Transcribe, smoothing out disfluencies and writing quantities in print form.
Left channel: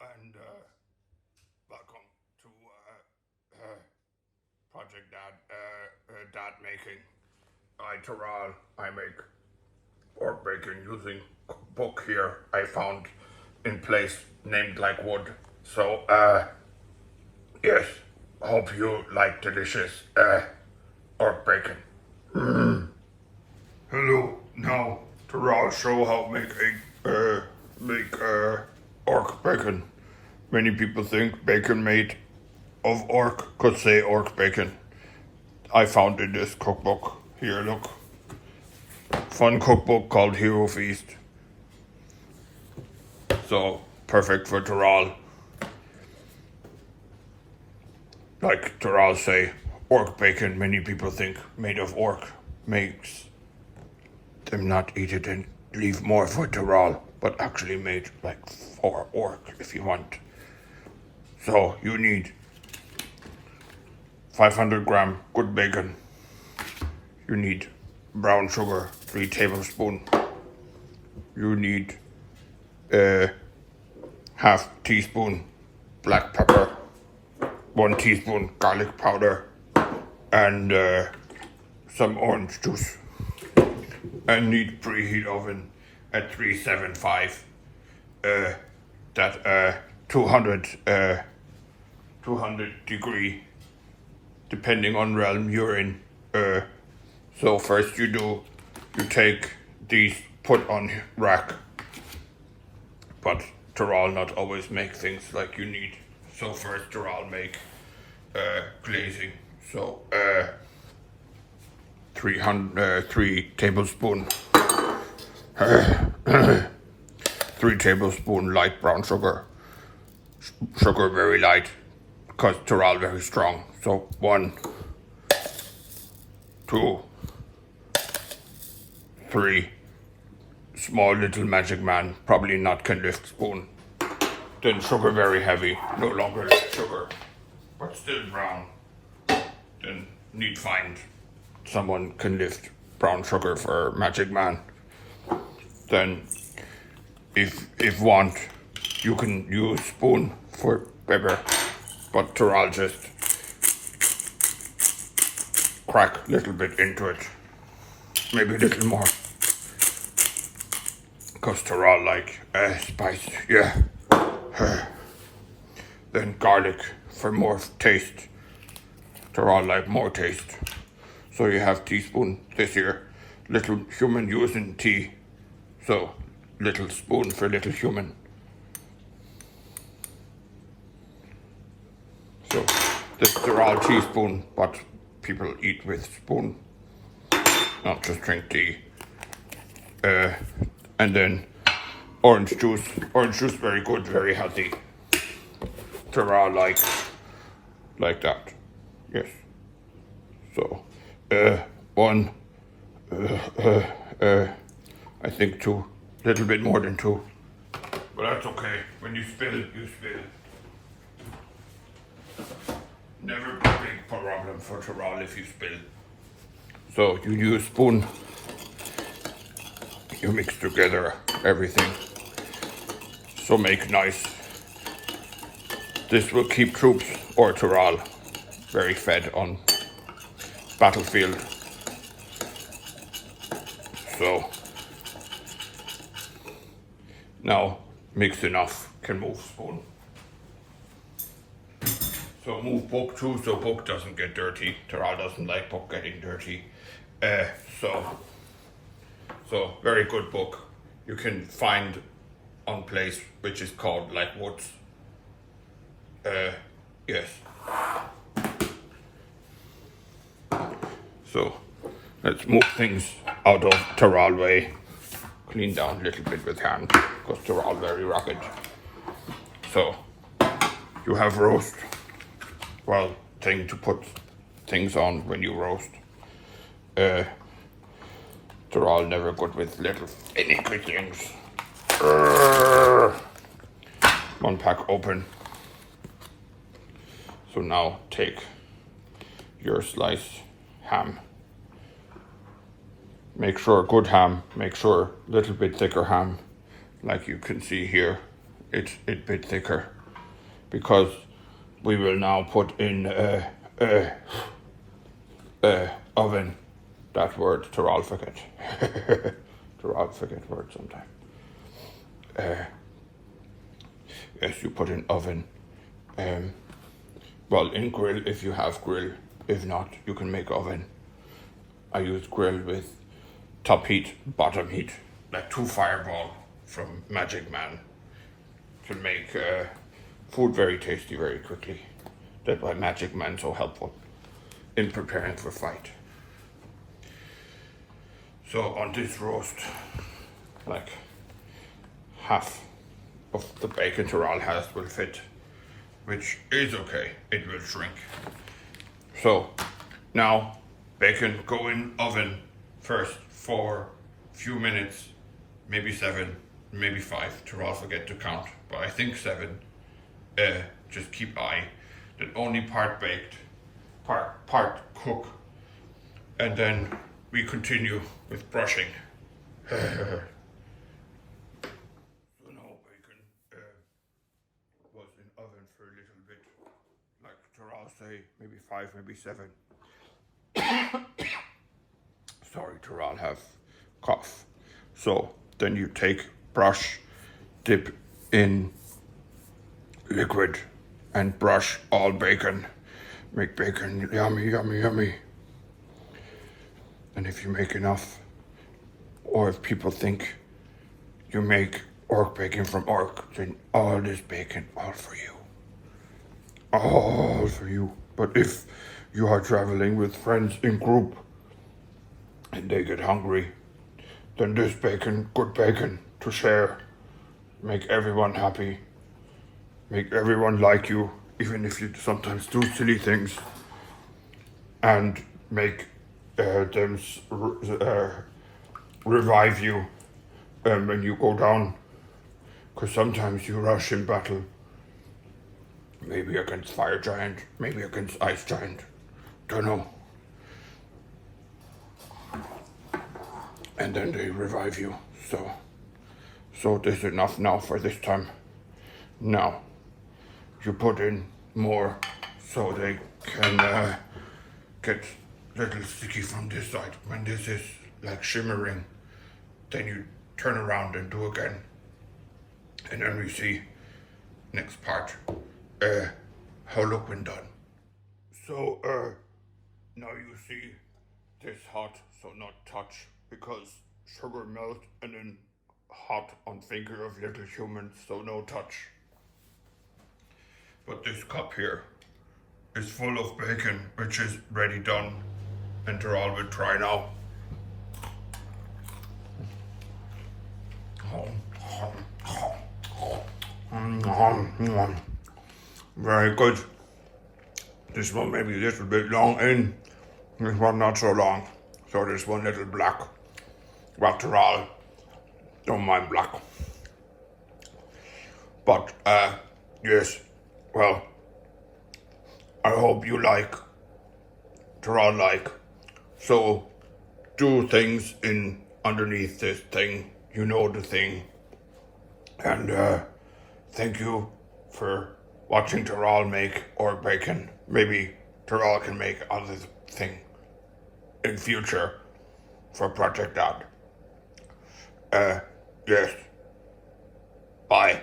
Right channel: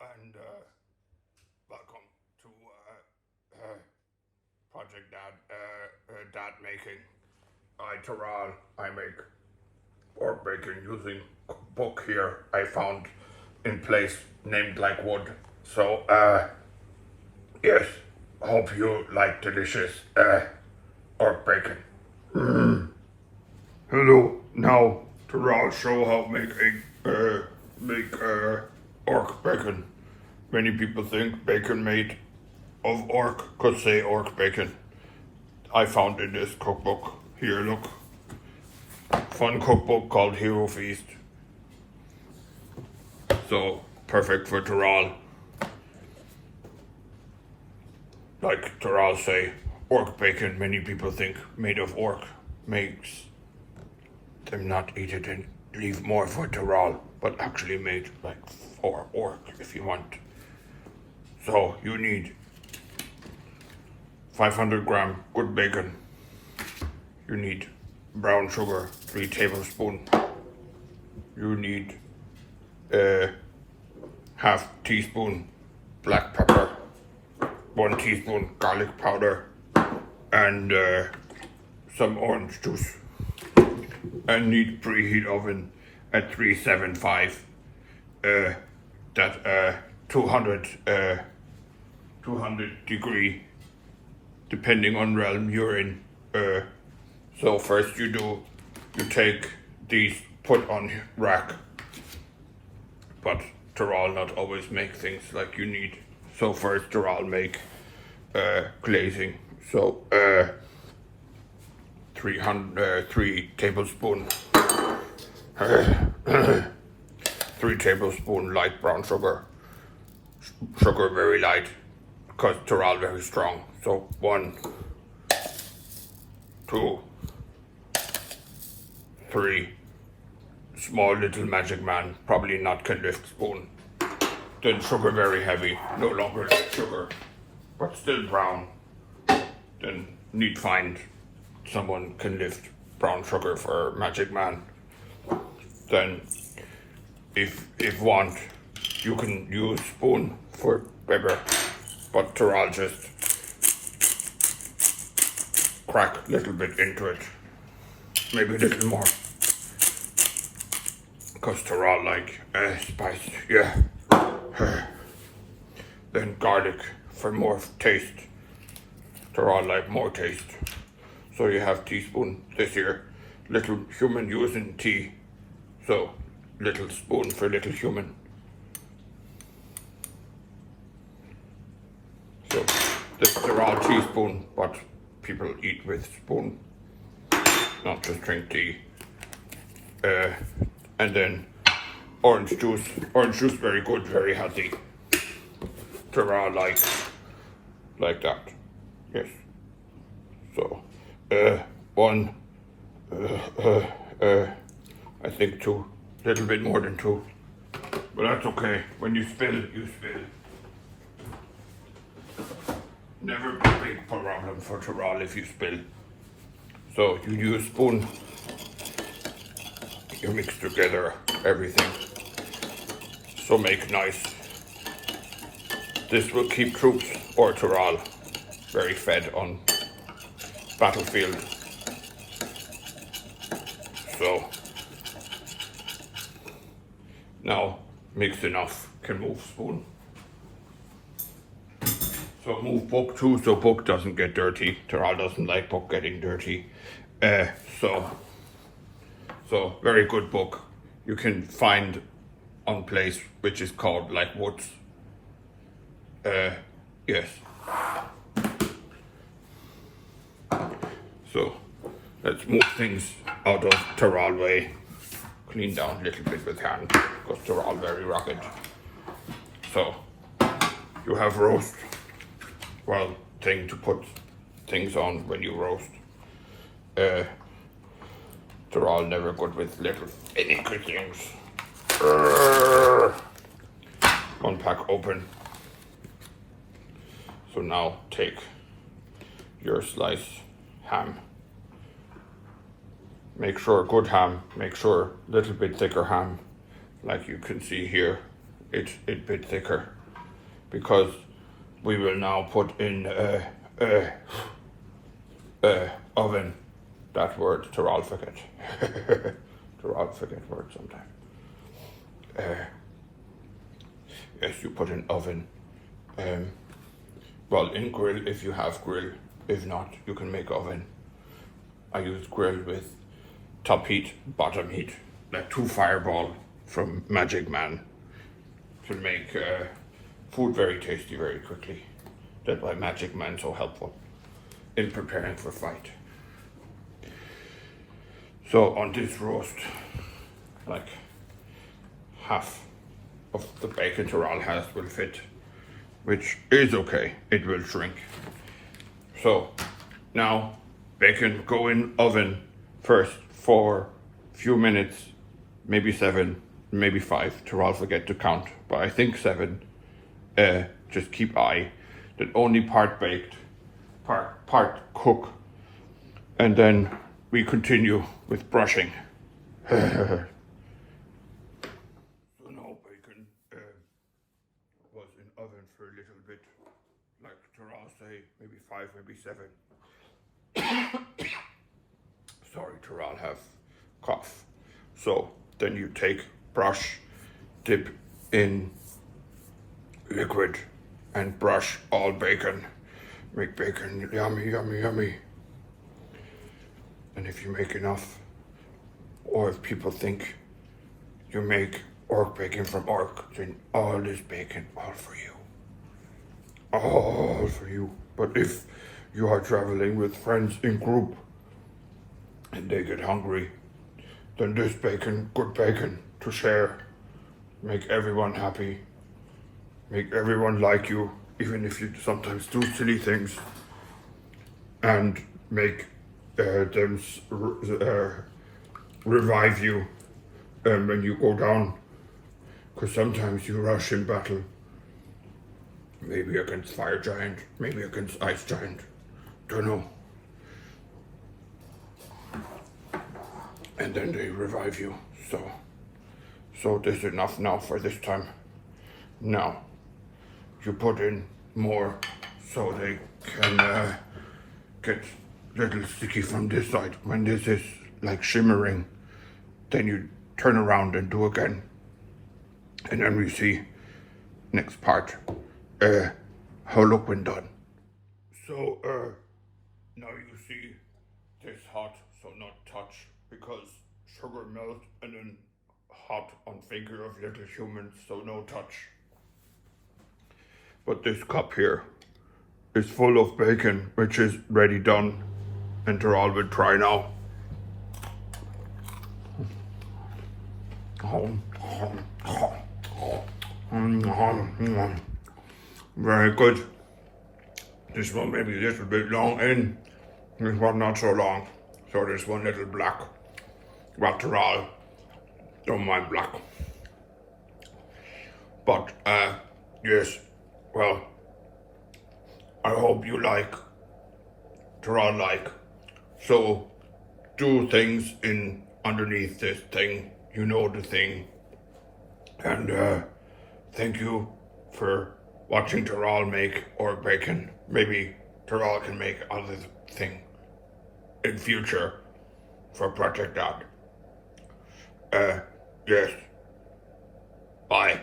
and welcome to Project D.A.D making. Terral, I make Orc Bacon using book here I found in place named like wood. So yes, hope you like delicious Orc Bacon. Hello, now Terral show how to make Orc Bacon. Many people think bacon made of orc could say Orc Bacon. I found in this cookbook. Here, look. Fun cookbook called Hero Feast. So, perfect for Terral. Like Terral say, Orc Bacon, many people think made of orc makes them not eat it and leave more for Terral, but actually made like for orc if you want. So, you need 500-gram good bacon. You need brown sugar, 3 tablespoons. You need half teaspoon black pepper, 1 teaspoon garlic powder, and some orange juice. And need preheat oven at 375. 200 degree, depending on realm you're in. So first you take these, put on rack, but Terral not always make things like you need. So first Terral make glazing. So 3 tablespoons 3 tablespoons light brown sugar. Sugar very light, because Terral very strong. So 1, 2, 3 small little magic man, probably not can lift spoon. Then sugar very heavy, no longer like sugar, but still brown. Then need find someone can lift brown sugar for magic man. Then if want, you can use spoon for bigger, but Terral just crack a little bit into it, maybe a little more, because Terral like spice, yeah. Then garlic for more taste. Terral like more taste. So you have teaspoon this here, little human using tea, so little spoon for little human. So this Terral teaspoon, but people eat with spoon, not just drink tea. And then orange juice. Orange juice very good, very healthy. Terral like that. Yes. So 1, I think 2, little bit more than 2, but that's okay. When you spill, you spill. Never a big problem for Terral if you spill. So you use spoon, you mix together everything. So make nice. This will keep troops or Terral very fed on battlefield. So now mix enough, can move spoon. So move book too, so book doesn't get dirty. Terral doesn't like book getting dirty. So very good book. You can find on place which is called like woods. Yes. So let's move things out of Terral way. Clean down a little bit with hand, because Terral very rapid. So you have roast. Well, thing to put things on when you roast. Terral never good with little finicky things. 1 pack open. So now take your sliced ham. Make sure good ham, make sure little bit thicker ham, like you can see here. it a bit thicker, because we will now put in oven. That word I'll forget. I'll forget words sometimes. Yes, you put in oven. Well, in grill if you have grill. If not, you can make oven. I use grill with top heat, bottom heat, like 2 fireball from Magic Man, to make food very tasty very quickly. That's why Magic Man's so helpful in preparing for fight. So on this roast, like half of the bacon Tyrrell has will fit, which is okay, it will shrink. So now bacon go in oven first for a few minutes, maybe 7, maybe 5, Tyrrell forget to count, but I think 7. Just keep eye that only part baked, part cook, and then we continue with brushing. So now bacon was in oven for a little bit, like Tyrrell say, maybe 5, maybe 7. Sorry, Tyrrell have cough. So then you take brush, dip in liquid, and brush all bacon. Make bacon yummy, yummy, yummy. And if you make enough, or if people think you make Orc bacon from Orc, then all this bacon, all for you. All for you. But if you are traveling with friends in group and they get hungry, then this bacon, good bacon to share, make everyone happy, make everyone like you, even if you sometimes do silly things, and make them revive you when you go down, because sometimes you rush in battle, maybe against fire giant, maybe against ice giant, don't know, and then they revive you. So this is enough now for this time. Now you put in more so they can get little sticky from this side. When this is like shimmering, then you turn around and do again, and then we see next part how look when done. So now you see this hot, so not touch, because sugar melt and then hot on finger of little humans, so no touch. But this cup here is full of bacon, which is ready done, and Tyrrell will try now. Very good. This one maybe a little bit long in, this one not so long. So this one little black. Well, Tyrrell don't mind black. But yes, well, I hope you like, Tyrrell like. So do things in underneath this thing, you know the thing. And thank you for watching Tyrrell make Orc Bacon. Maybe Tyrrell can make other thing in future for Project D.A.D. Yes. Bye.